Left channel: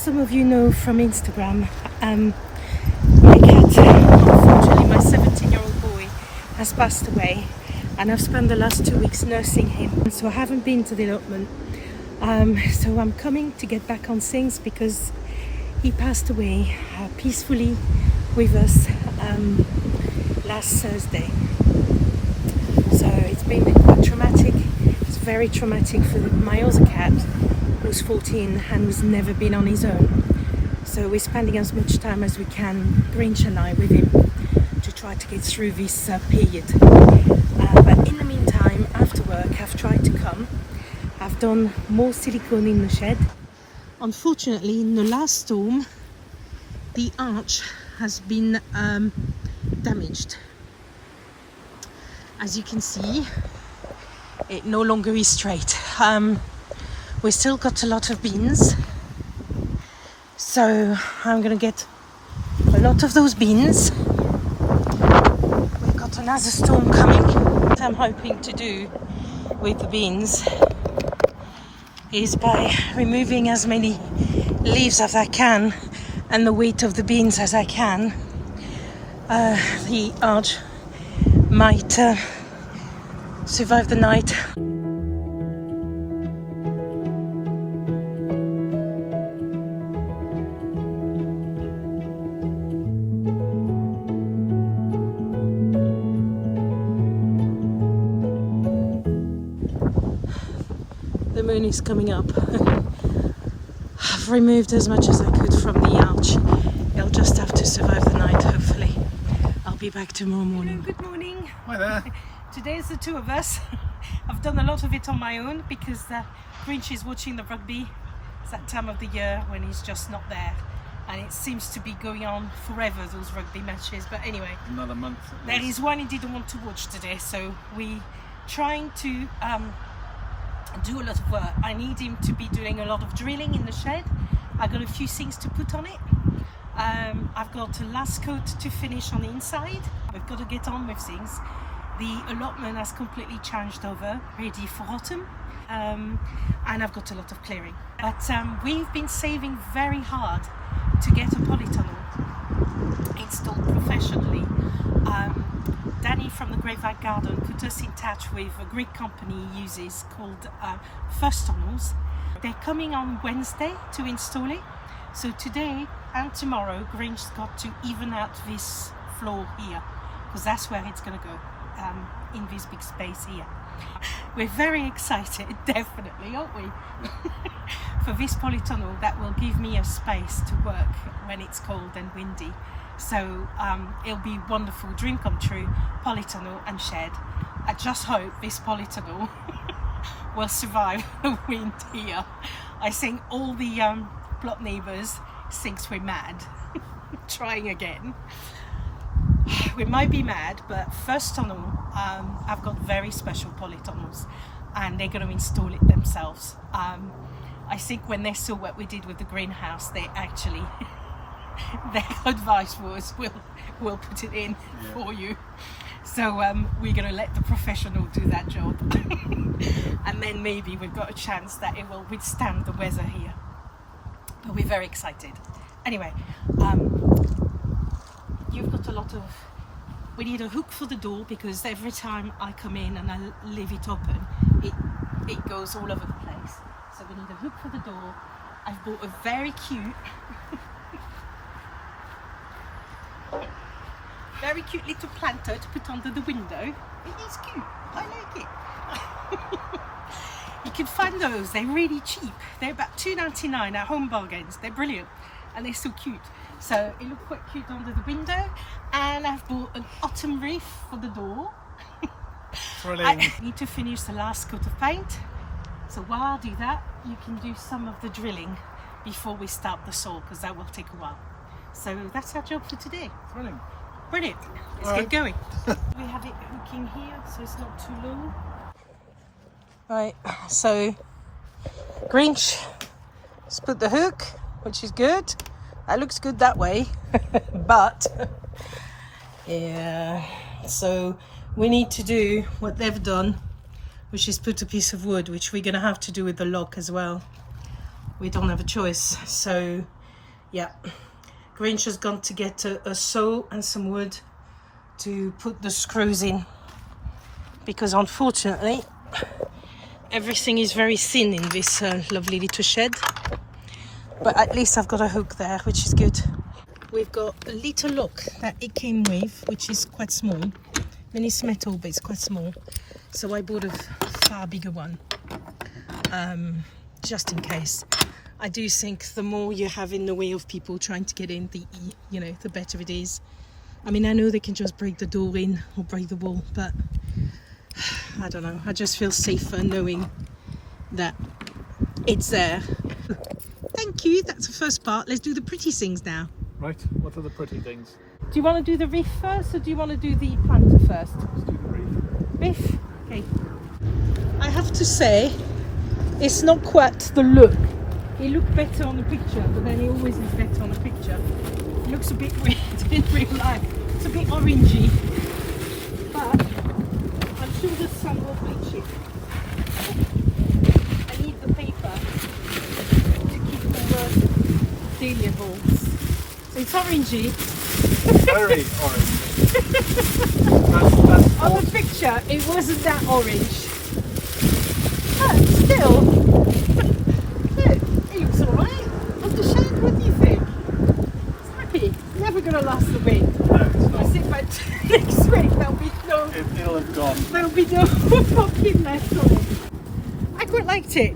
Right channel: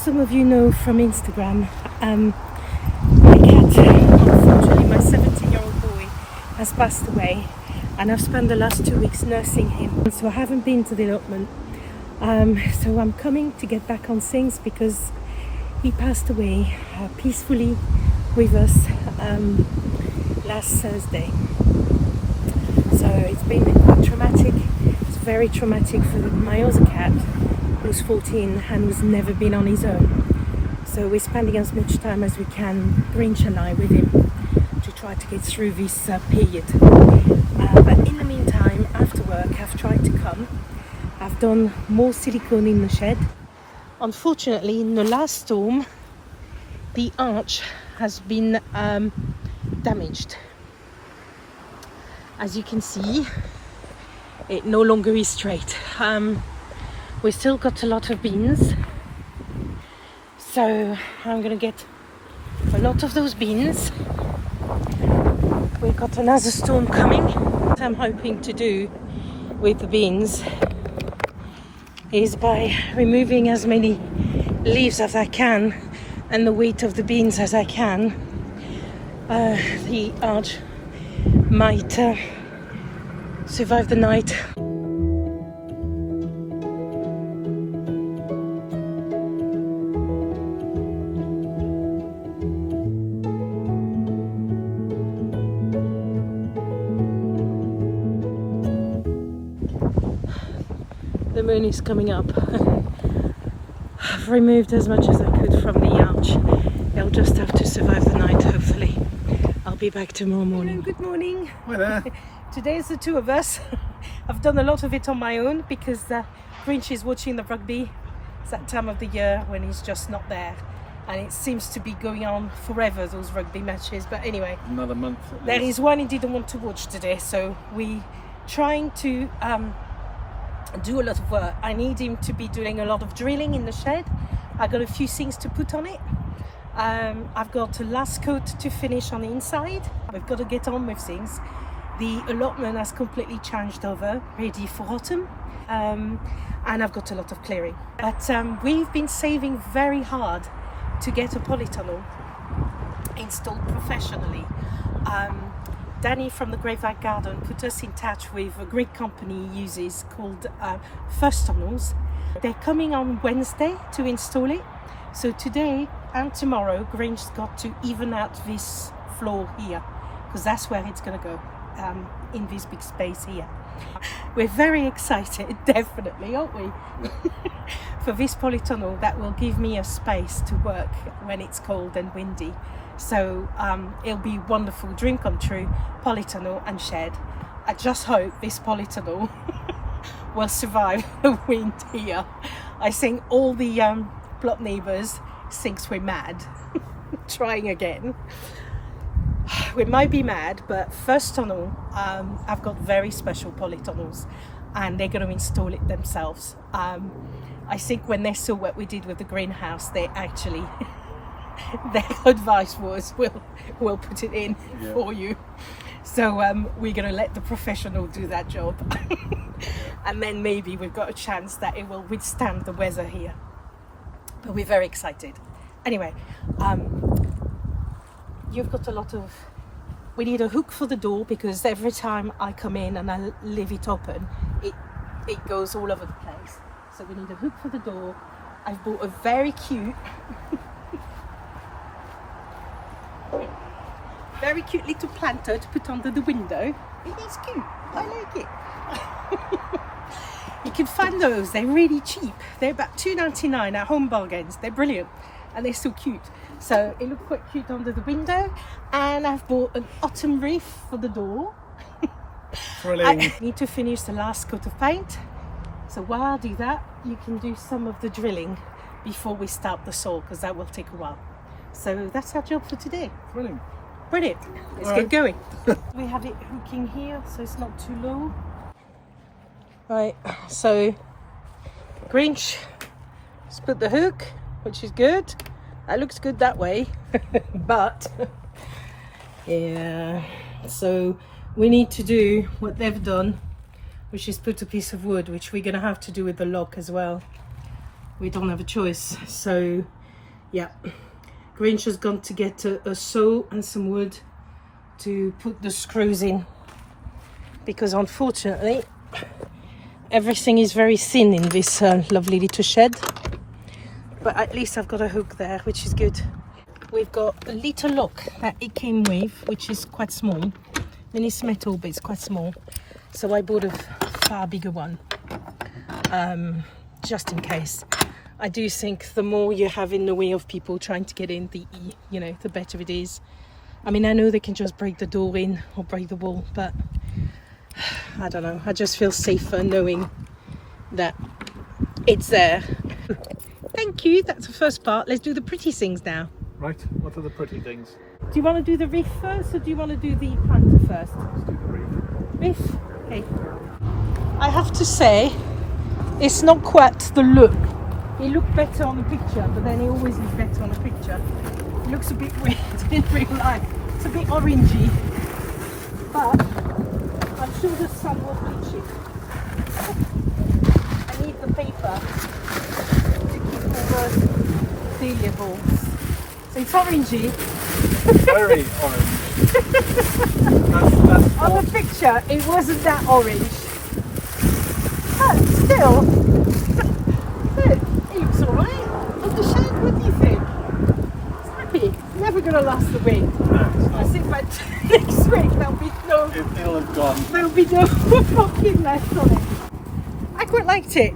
some of you know from Instagram, my cat, unfortunately my 17-year-old boy, has passed away, and I've spent the last 2 weeks nursing him, so I haven't been to the allotment. So I'm coming to get back on things because he passed away peacefully with us last Thursday. So it's been quite traumatic. It's very traumatic for my other cat, who's 14 and who's never been on his own. So we're spending as much time as we can, Grinch and I, with him to try to get through this period. But in the meantime, after work, I've tried to come. I've done more silicone in the shed. Unfortunately, in the last storm, the arch has been damaged. As you can see, it no longer is straight. We still got a lot of beans, so I'm gonna get a lot of those beans. We've got another storm coming. What I'm hoping to do with the beans is by removing as many leaves as I can and the weight of the beans as I can, the arch might survive the night. The moon is coming up. I've removed as much as I could from the arch. I'll just have to survive the night, hopefully. I'll be back tomorrow morning. Hello, good morning. Hi there. Today is the two of us. I've done a lot of it on my own because Grinch is watching the rugby. It's that time of the year when he's just not there. And it seems to be going on forever, those rugby matches. But anyway, Another month. There is one he didn't want to watch today. So we're trying to do a lot of work. I need him to be doing a lot of drilling in the shed. I got a few things to put on it. I've got a last coat to finish on the inside. We've got to get on with things. The allotment has completely changed over, ready for autumn, and I've got a lot of clearing. But we've been saving very hard to get a polytunnel installed professionally. Danny from the Graveyard Garden put us in touch with a great company he uses called Tunnels. They're coming on Wednesday to install it. So today and tomorrow, Grinch's got to even out this floor here, because that's where it's going to go, in this big space here. We're very excited, definitely, aren't we? For this polytunnel that will give me a space to work when it's cold and windy. So it'll be wonderful, dream come true, polytunnel and shed. I just hope this polytunnel will survive the wind here. I think all the plot neighbours thinks we're mad, trying again. We might be mad, but first tunnel, I've got very special polytunnels and they're going to install it themselves. I think when they saw what we did with the greenhouse, they actually their advice was we'll put it in for you. So we're going to let the professional do that job. And then maybe we've got a chance that it will withstand the weather here. But we're very excited. Anyway, you've got a lot of... We need a hook for the door because every time I come in and I leave it open, it goes all over the place. So we need a hook for the door. I've bought a very cute... very cute little planter to put under the window. It is cute. I like it. You can find those. They're really cheap. They're about $2.99 at Home Bargains. They're brilliant and they're so cute. So it looks quite cute under the window. And I've bought an autumn wreath for the door. I need to finish the last coat of paint. So while I do that, you can do some of the drilling before we start the saw, because that will take a while. So that's our job for today. Brilliant. Brilliant. Let's get going. We have it hooking here so it's not too low. Right, so Grinch has put the hook, which is good. That looks good that way. But yeah, so we need to do what they've done, which is put a piece of wood, which we're going to have to do with the lock as well. we don't have a choice. So yeah, Grinch has gone to get a saw and some wood to put the screws in, because unfortunately everything is very thin in this lovely little shed. But at least I've got a hook there, which is good. We've got a little lock that it came with, which is quite small. I mean, it's metal, but it's quite small. So I bought a far bigger one, just in case. I do think the more you have in the way of people trying to get in, the better it is. I mean, I know they can just break the door in or break the wall, but I don't know. I just feel safer knowing that it's there. Thank you. That's the first part. Let's do the pretty things now. Right. What are the pretty things? Do you want to do the reef first, or do you want to do the planter first? Let's do the reef. Reef? Okay. I have to say, it's not quite the look. It looked better on the picture, but then it always looks better on the picture. It looks a bit weird in real life. It's a bit orangey, but I'm sure the sun will bleach it. I need the paper to keep all the dahlia balls. So it's orangey. Very orange. That's On the picture, it wasn't that orange. But still, look, it looks alright. On the shade, what do you think? It's happy. Never gonna last the wind. No, it's I not. think by next week there'll be no. It'll have gone. There'll be no pumpkin left on it. I quite liked it.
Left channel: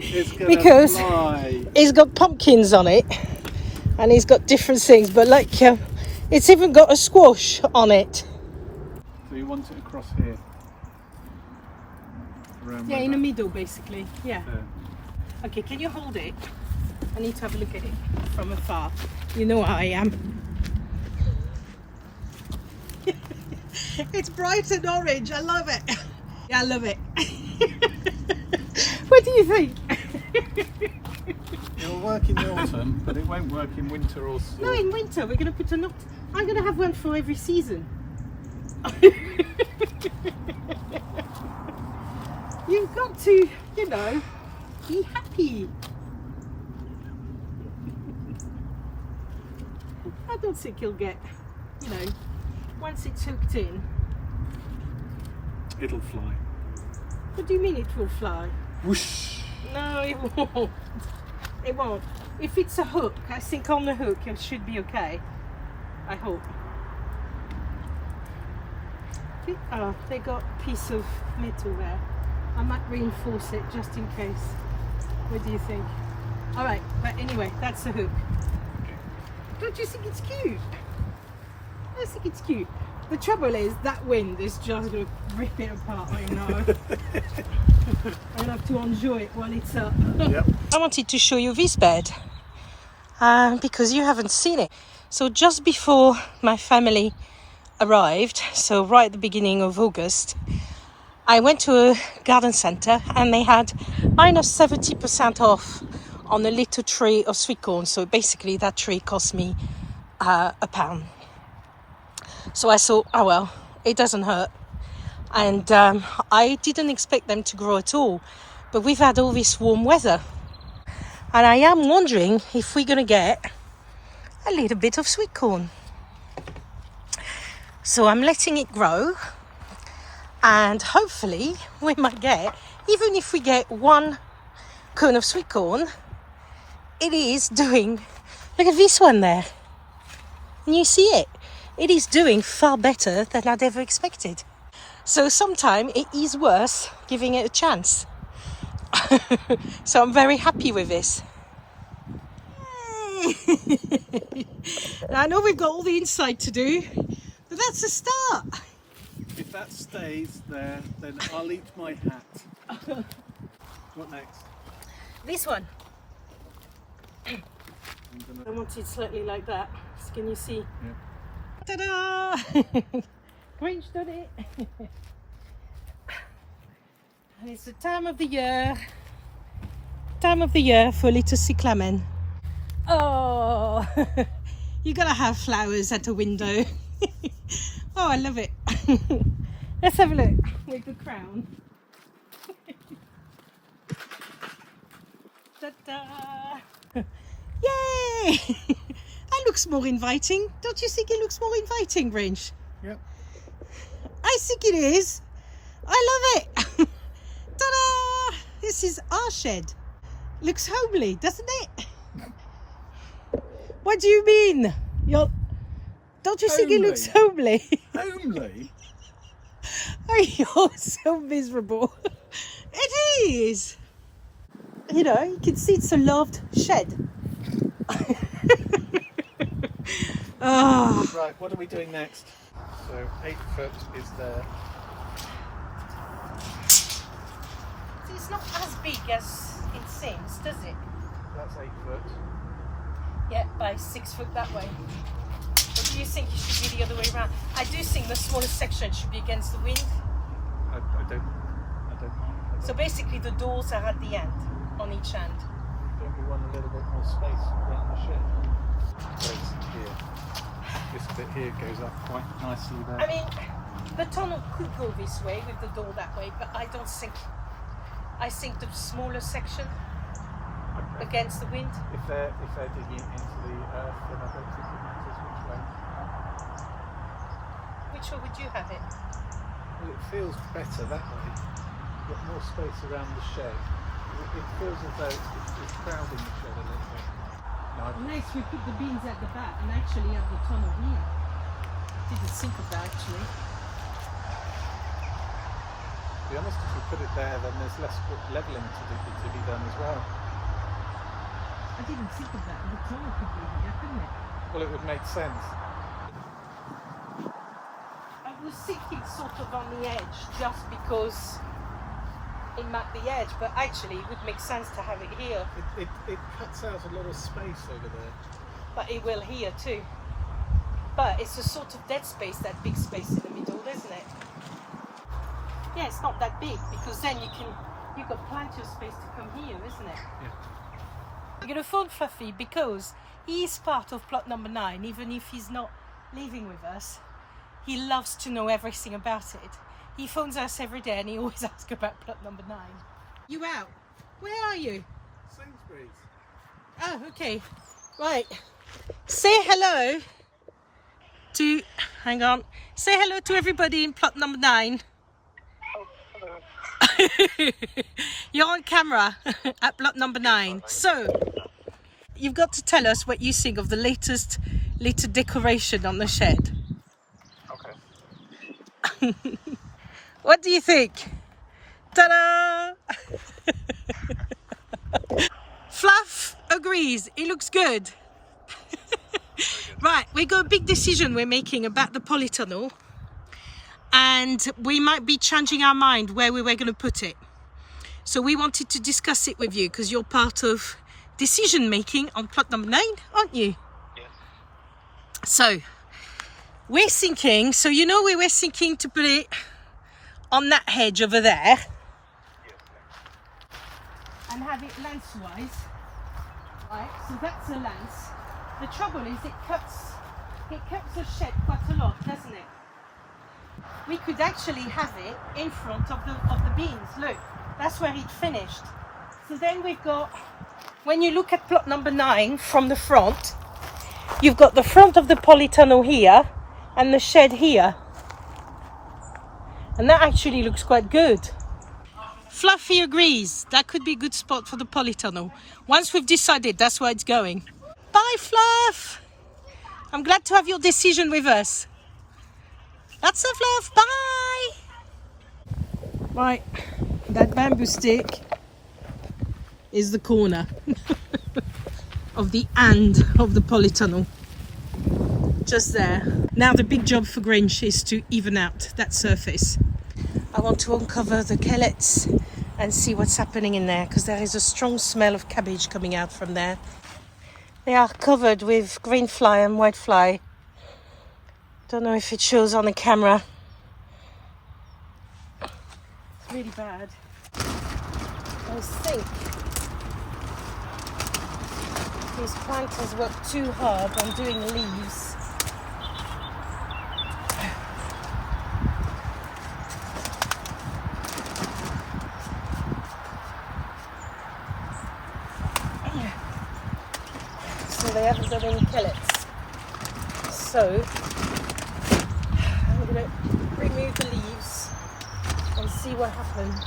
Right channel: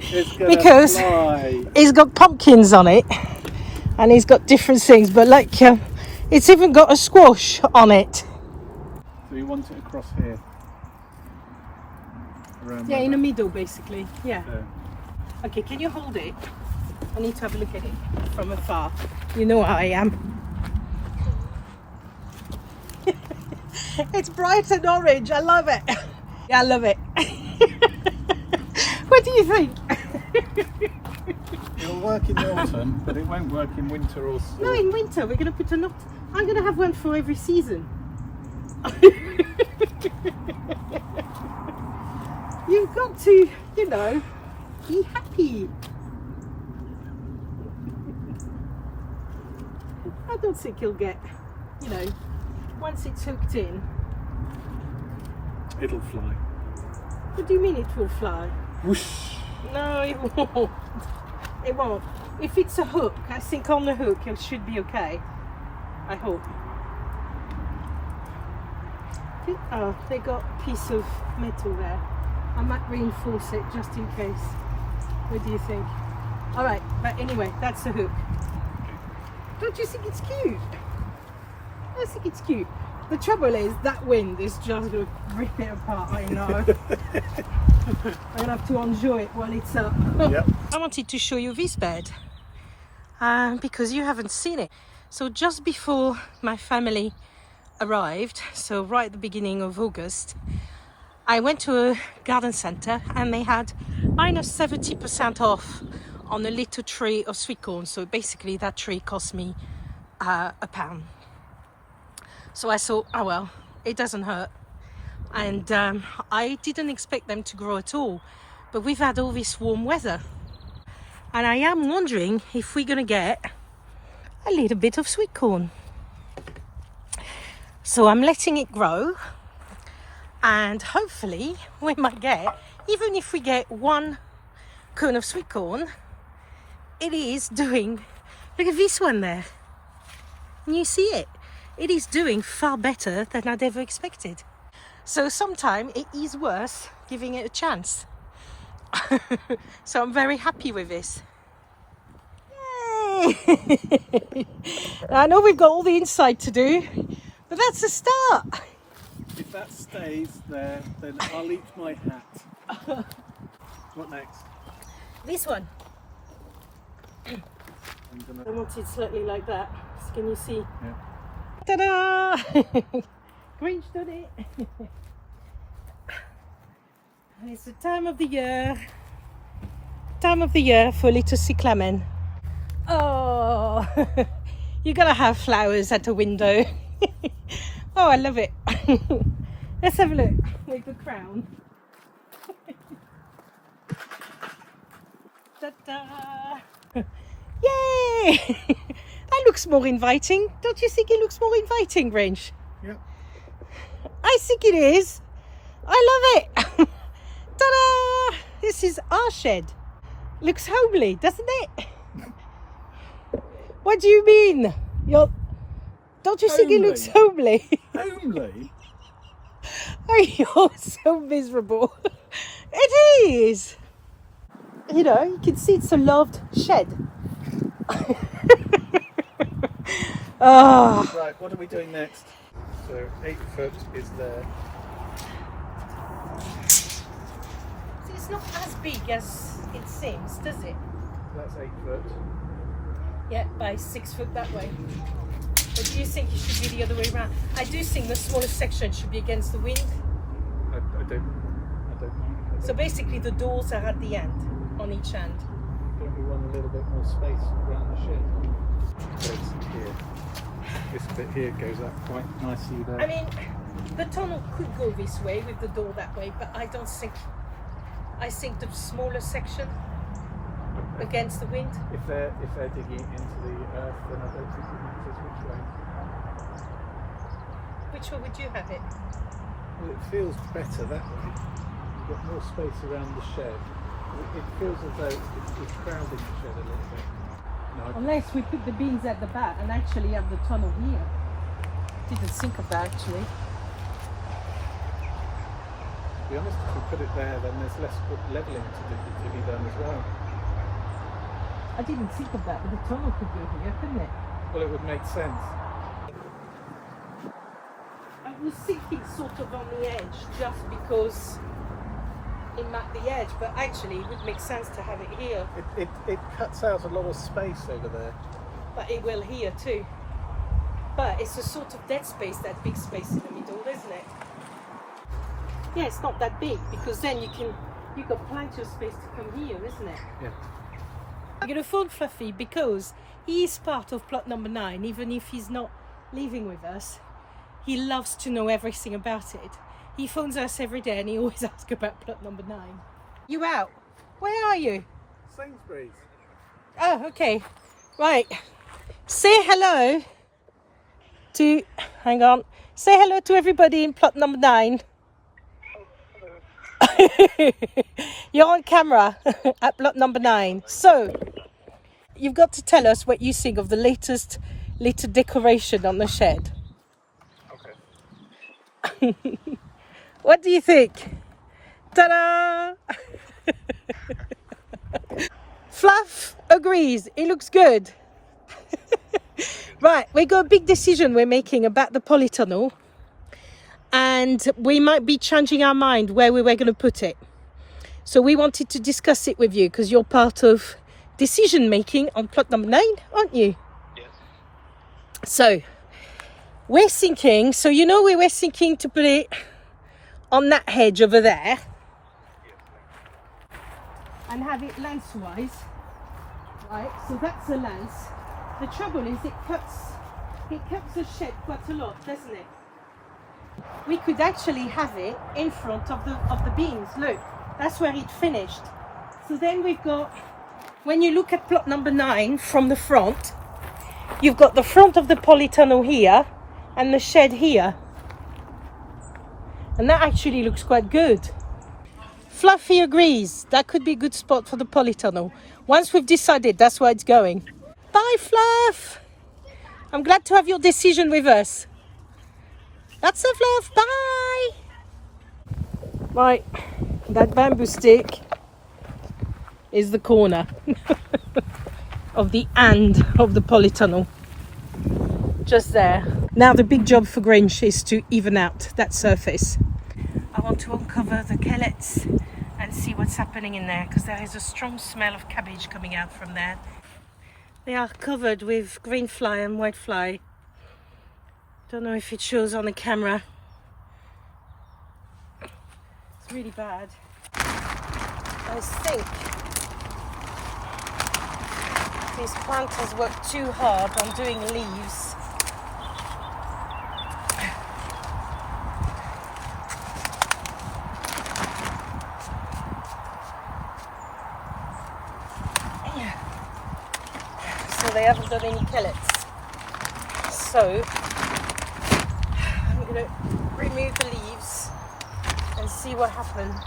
It's gonna Because fly. it's got pumpkins on it, and it's got different things, but like it's even got a squash on it. So you want it across here? Around Yeah, like in the that? middle, basically. Yeah. There. Okay, can you hold it? I need to have a look at it from afar. You know how I am. It's bright and orange. I love it. Yeah, I love it. What do you think? It'll work in the autumn, but it won't work in winter or No, in winter we're going to put a knot. I'm going to have one for every season. You've got to, be happy. I don't think you'll get, once it's hooked in. It'll fly. What do you mean it will fly? Whoosh! No, it won't. It won't. If it's a hook, I think on the hook it should be okay. I hope. Oh, they got a piece of metal there. I might reinforce it just in case. What do you think? Alright, but anyway, that's the hook. Don't you think it's cute? I think it's cute. The trouble is that wind is just going to rip it apart, I know. I'm going to have to enjoy it while it's up. Yep. I wanted to show you this bed because you haven't seen it. So just before my family arrived, so right at the beginning of August, I went to a garden centre and they had minus 70% off on a little tray of sweet corn. So basically that tray cost me £1. So I thought, oh well, it doesn't hurt. And I didn't expect them to grow at all. But we've had all this warm weather. And I am wondering if we're going to get a little bit of sweet corn. So I'm letting it grow. And hopefully we might get, even if we get one cone of sweet corn, it is doing, look at this one there. Can you see it? It is doing far better than I'd ever expected. So sometimes it is worth giving it a chance. So I'm very happy with this. Yay! I know we've got all the inside to do, but that's the start. If that stays there, then I'll eat my hat. What next? This one. I'm I gonna... want it slightly like that. So can you see? Yeah. Ta-da! Grinch done it. And it's the time of the year for little cyclamen. Oh, you gotta have flowers at the window. Oh, I love it. Let's have a look with the crown. Ta-da! Yay! That looks more inviting. Don't you think it looks more inviting, Grinch? Yep. I think it is. I love it. Ta-da! This is our shed. Looks homely, doesn't it? What do you mean? Don't you think it looks homely? Homely? Oh, you're so miserable. It is. You know, you can see it's a loved shed. Oh. Right, what are we doing next? So 8 foot is there. It's not as big as it seems, does it? That's 8 foot. Yeah, by 6 foot that way. Or do you think it should be the other way around? I do think the smallest section should be against the wind. I don't know. So basically the doors are at the end, on each end. Don't we want a little bit more space around the shed? Space here. This bit here goes up quite nicely there. I mean, the tunnel could go this way with the door that way, but I don't think. I think the smaller section against the wind. If they're digging it into the earth, then I don't think it matters which way. Which way would you have it? Well, it feels better that way. You've got more space around the shed. It feels as though it's crowding the shed a little bit. No, Unless we put the bins at the back and actually have the tunnel here. Didn't think of that actually. to be honest, if you put it there, then there's less levelling to be done as well. I didn't think of that, but the tunnel could go here, couldn't it? Well, it would make sense. I was thinking sort of on the edge, just because it marked the edge, but actually it would make sense to have it here. It cuts out a lot of space over there. But it will here too. But it's a sort of dead space, that big space in the middle, isn't it? Yeah, it's not that big, because then you've got plenty of space to come here, isn't it? Yeah. I'm going to phone Fluffy because he's part of plot number 9, even if he's not living with us. He loves to know everything about it. He phones us every day and he always asks about plot number 9. You out? Where are you? Sainsbury's. Oh, okay. Right. Say hello to, hang on. Say hello to everybody in plot number 9. You're on camera at plot number 9. So, you've got to tell us what you think of the latest little decoration on the shed. Okay. What do you think? Ta-da! Fluff agrees. It looks good. Right, we got a big decision we're making about the polytunnel. And we might be changing our mind where we were going to put it. So we wanted to discuss it with you because you're part of decision making on plot number 9, aren't you? Yes. So we're thinking, we were thinking to put it on that hedge over there and have it lengthwise, right? So that's the length. The trouble is it cuts the shed quite a lot, doesn't it? We could actually have it in front of the beams. Look, that's where it finished. So then we've got, when you look at plot number 9 from the front, you've got the front of the polytunnel here and the shed here. And that actually looks quite good. Fluffy agrees. That could be a good spot for the polytunnel. Once we've decided, that's where it's going. Bye, Fluff. I'm glad to have your decision with us. That's a Fluff. Bye. Right, that bamboo stick is the corner of the end of the polytunnel. Just there. Now the big job for Grinch is to even out that surface. I want to uncover the kellets and see what's happening in there, because there is a strong smell of cabbage coming out from there. They are covered with green fly and white fly. Don't know if it shows on the camera. It's really bad. I think this plant has worked too hard on doing leaves. they haven't done any kellets. So I'm going to remove the leaves and see what happens.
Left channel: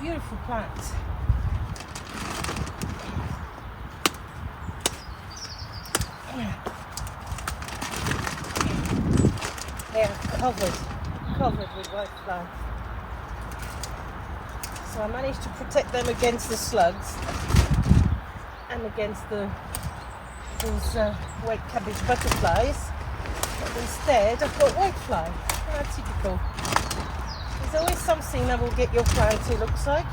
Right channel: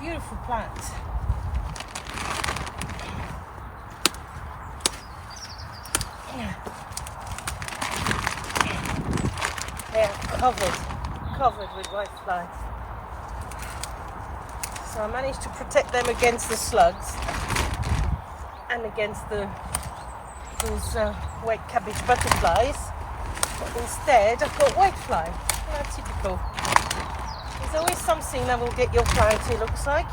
Beautiful plant. They are covered with white flies. So I managed to protect them against the slugs and against those white cabbage butterflies. But instead I've got whitefly. How typical. There's always something that will get your plant, it looks like.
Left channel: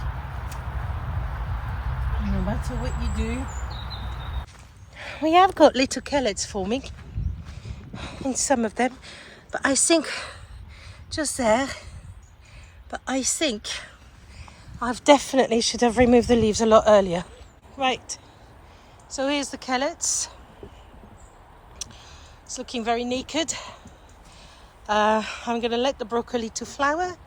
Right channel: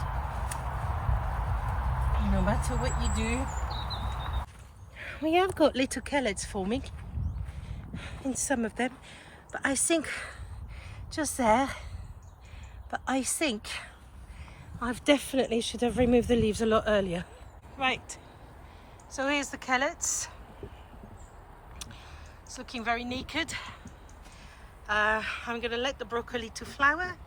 No matter what you do. We have got little kellets forming in some of them, but I think just there, but I think I've definitely should have removed the leaves a lot earlier. Right, so here's the kellets. It's looking very naked. I'm gonna let the broccoli to flower.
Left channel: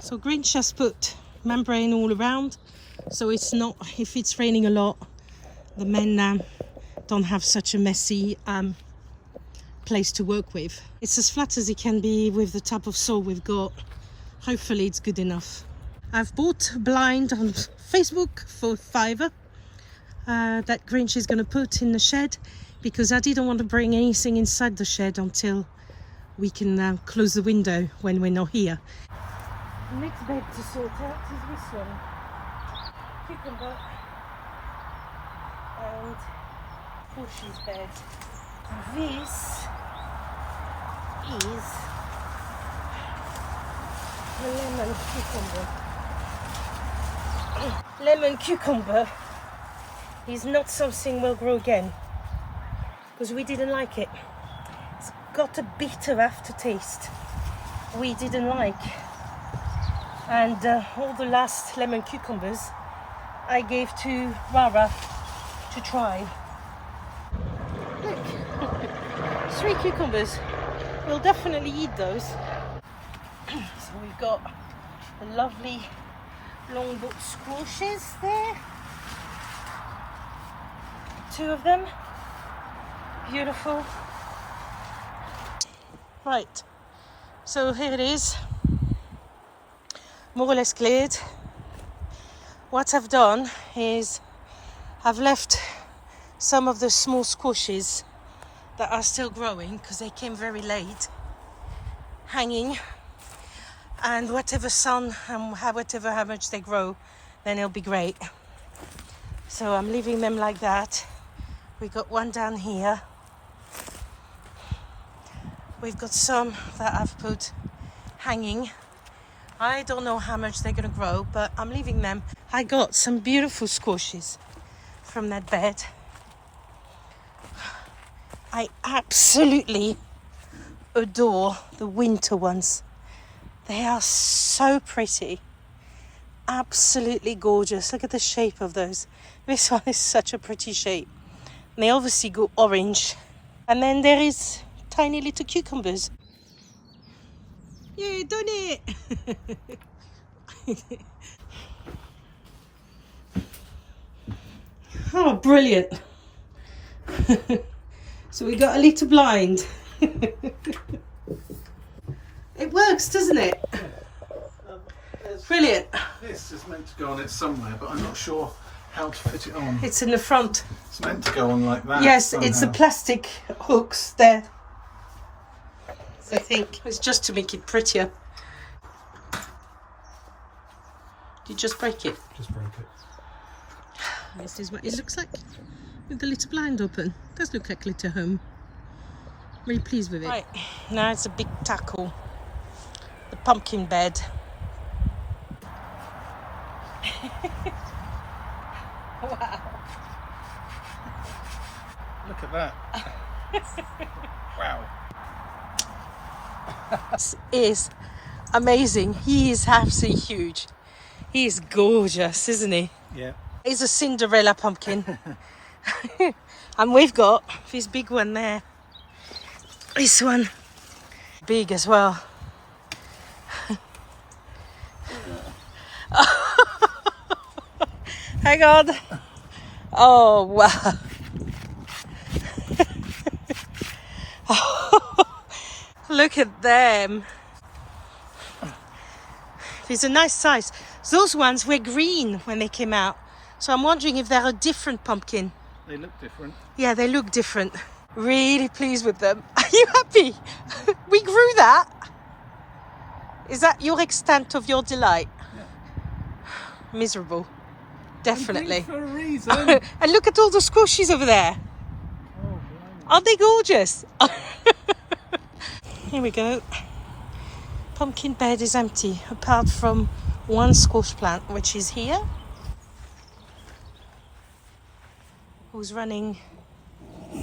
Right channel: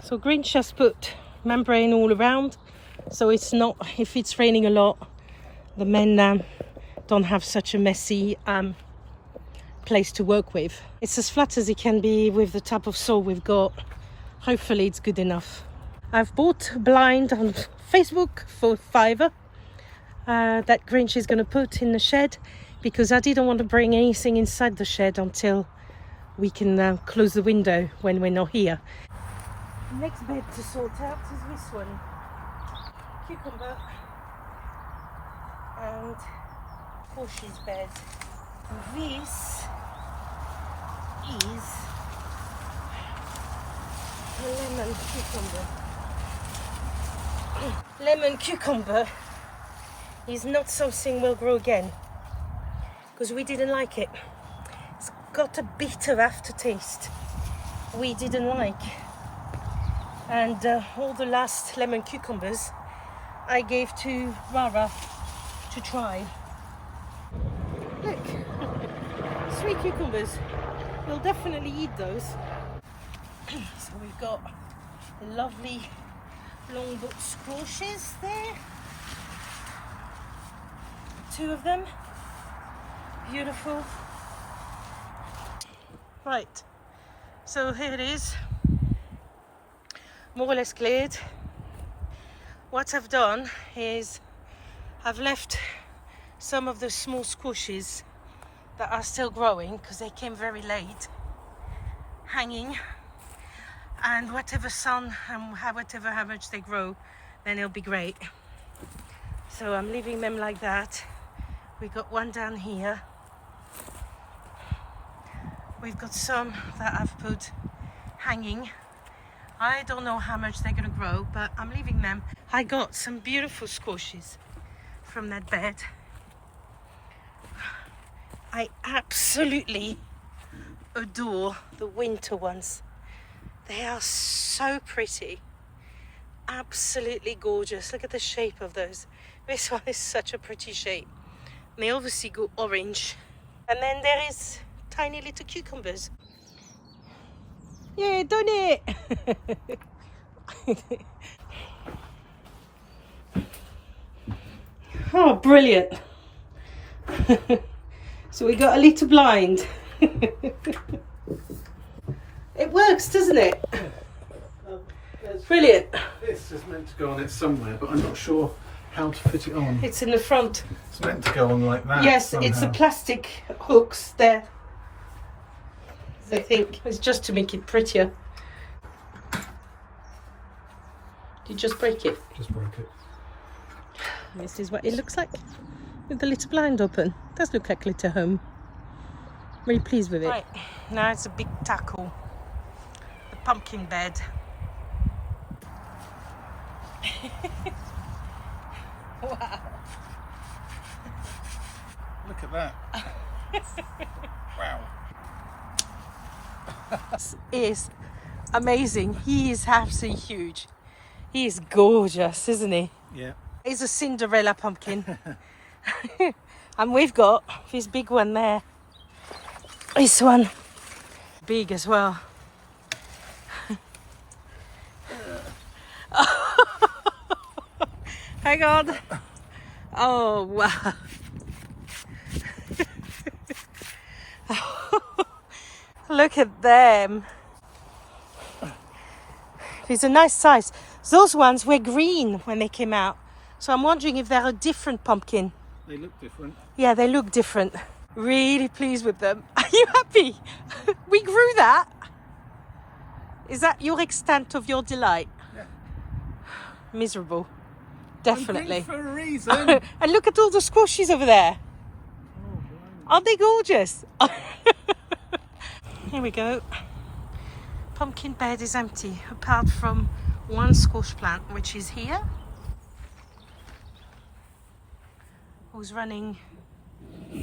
So Grinch has put membrane all around, so it's not, if it's raining a lot, the men don't have such a messy place to work with. It's as flat as it can be with the type of soil we've got. Hopefully it's good enough. I've bought a blind on Facebook for £5 that Grinch is going to put in the shed, because I didn't want to bring anything inside the shed until we can close the window when we're not here. The next bed to sort out is this one. Cucumber and Porsche's bed. This is the lemon cucumber. Lemon cucumber is not something we'll grow again because we didn't like it. It's got a bitter aftertaste we didn't like. And all the last lemon cucumbers I gave to Rara to try. Look, 3 cucumbers. We'll definitely eat those. So we've got the lovely longboot squashes there. 2 of them. Beautiful. Right, so here it is. More or less cleared. What I've done is I've left some of the small squashes that are still growing because they came very late hanging, and whatever sun and whatever how much they grow, then it'll be great. So I'm leaving them like that. We've got one down here. We've got some that I've put hanging. I don't know how much they're going to grow, but I'm leaving them. I got some beautiful squashes from that bed. I absolutely adore the winter ones. They are so pretty. Absolutely gorgeous. Look at the shape of those. This one is such a pretty shape. And they obviously go orange. And then there is tiny little cucumbers. Yeah, done it! Oh, brilliant. So we got a little blind. It works, doesn't it? Brilliant. This is meant to go on it somewhere, but I'm not sure how to fit it on. It's in the front. It's meant to go on like that. Yes, somehow. It's the plastic hooks there. I think it's just to make it prettier. Did you just break it? Just broke it. This is what it looks like with the little blind open. It does look like little home. Really pleased with it. Right, now it's a big tackle. The pumpkin bed. Wow. Look at that. Wow. This is amazing. He is absolutely huge. He is gorgeous, isn't he? Yeah. He's a Cinderella pumpkin. And we've got this big one there. This one, big as well. Hang on. Oh, wow. Look at them. These are nice size. Those ones were green when they came out. So I'm wondering if they're a different pumpkin. They look different. Yeah, they look different. Really pleased with them. Are you happy? We grew that. Is that your extent of your delight? Yeah. Miserable. Definitely. For a reason. And look at all the squashies over there. Oh, wow. Aren't they gorgeous? Here we go. Pumpkin bed is empty apart from one squash plant, which is here, who's running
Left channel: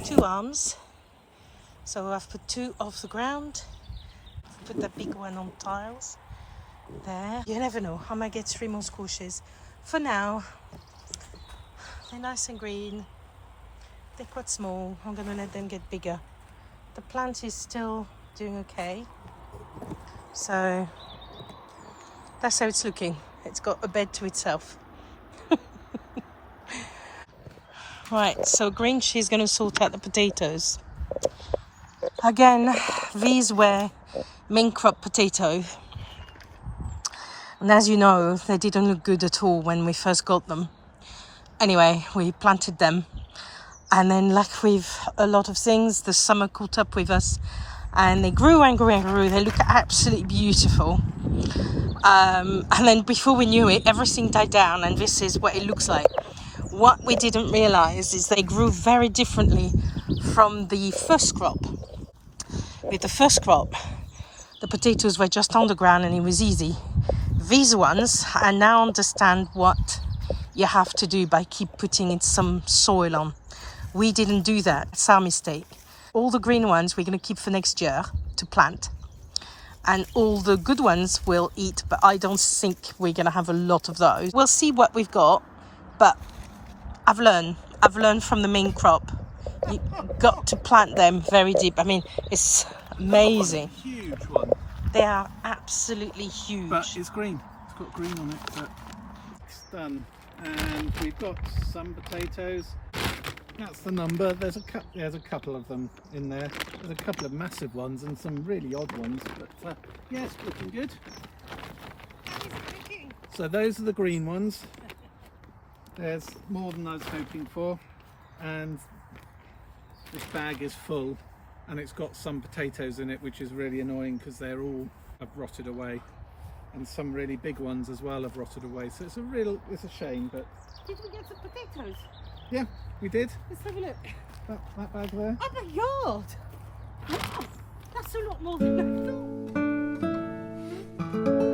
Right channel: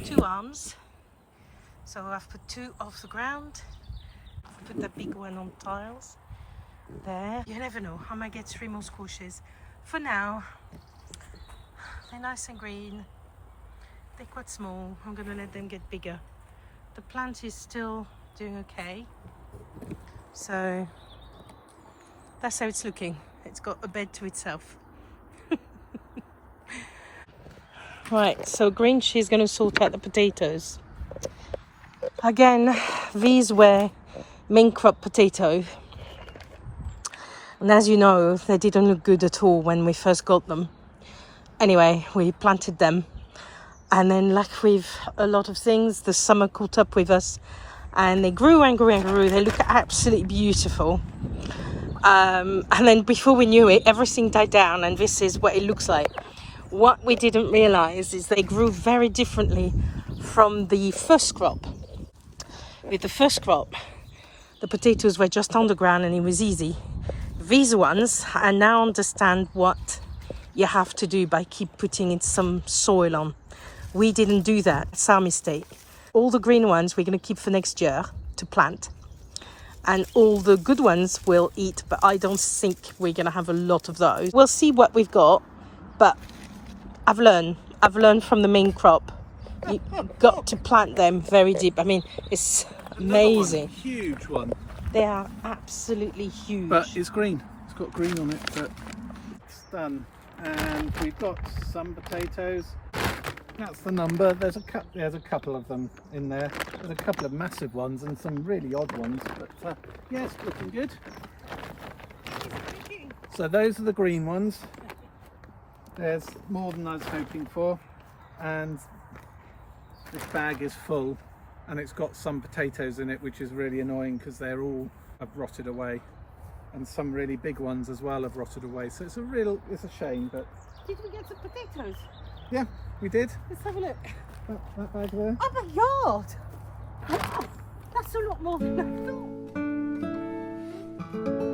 2 arms. So I've put 2 off the ground. I've put that big one on tiles there. You never know, I might get 3 more squashes. For now, they're nice and green. They're quite small. I'm gonna let them get bigger. The plant is still doing okay. So that's how it's looking. It's got a bed to itself. Right, so Grinch is going to sort out the potatoes. Again, these were main crop potatoes. And as you know, they didn't look good at all when we first got them. Anyway, we planted them. And then, like with a lot of things, the summer caught up with us. And they grew and grew and grew. They look absolutely beautiful. And then before we knew it, everything died down, and this is what it looks like. What we didn't realize is they grew very differently from the first crop. With the first crop, the potatoes were just on the ground and it was easy. These ones, I now understand what you have to do by keep putting in some soil on. We didn't do that. It's our mistake. All the green ones we're going to keep for next year to plant. And all the good ones we'll eat, but I don't think we're going to have a lot of those. We'll see what we've got, but I've learned from the main crop. You got to plant them very deep. I mean, it's amazing. Huge one. They are absolutely huge. But it's green. It's got green on it, but it's done. And we've got some potatoes. That's the number. There's a couple of them in there. There's a couple of massive ones and some really odd ones, but yeah, it's looking good. So those are the green ones. There's more than I was hoping for, and this bag is full, and it's got some potatoes in it, which is really annoying because they're all have rotted away, and some really big ones as well have rotted away. So it's a shame, but did we get some potatoes? yeah, we did. Let's have a look. That bag there. Oh my god! Wow, that's a lot more than I thought.